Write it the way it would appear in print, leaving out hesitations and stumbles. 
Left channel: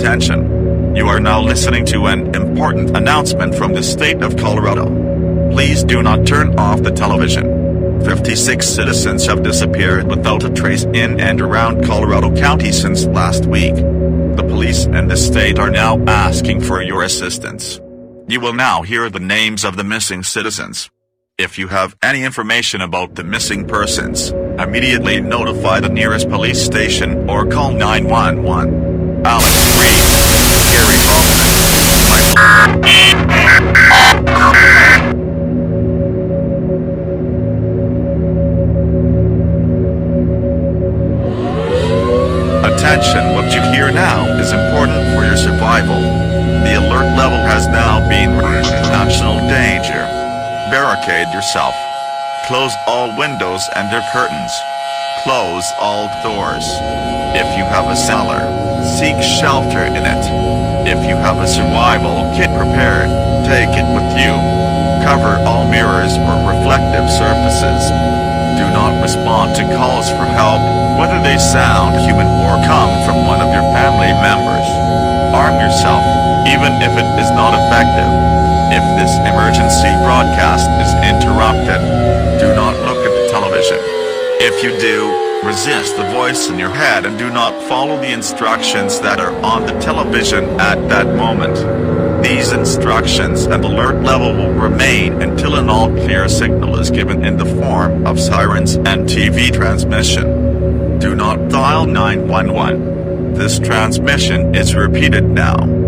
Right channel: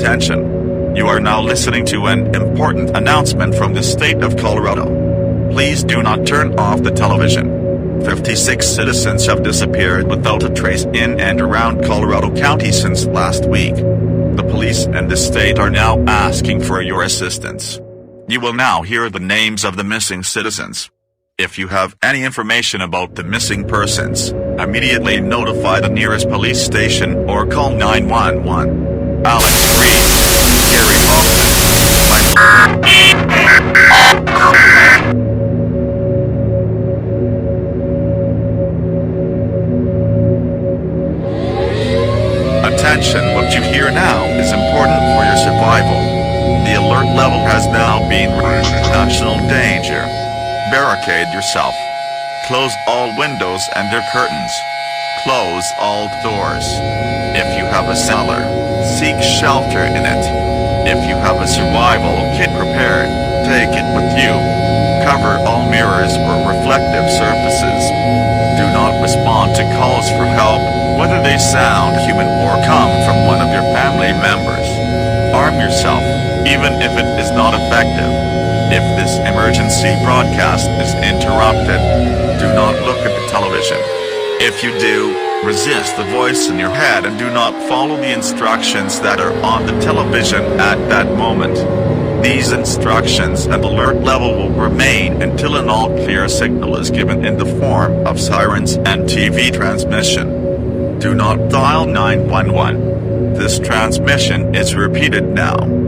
Attention! You are now listening to an important announcement from the state of Colorado. Please do not turn off the television. 56 citizens have disappeared without a trace in and around Colorado County since last week. The police and the state are now asking for your assistance. You will now hear the names of the missing citizens. If you have any information about the missing persons, immediately notify the nearest police station or call 911. Alex Reed, Gary Hoffman, Attention, what you hear now is important for your survival. The alert level has now been raised to national danger. Barricade yourself. Close all windows and their curtains. Close all doors. If you have a cellar, seek shelter in it. If you have a survival kit prepared, take it with you. Cover all mirrors or reflective surfaces. Do not respond to calls for help, whether they sound human or come from one of your family members. Arm yourself, even if it is not effective. If this emergency broadcast is interrupted, do not look at the television. If you do, resist the voice in your head and do not follow the instructions that are on the television at that moment. These instructions and alert level will remain until an all-clear signal is given in the form of sirens and TV transmission. Do not dial 911. This transmission is repeated now.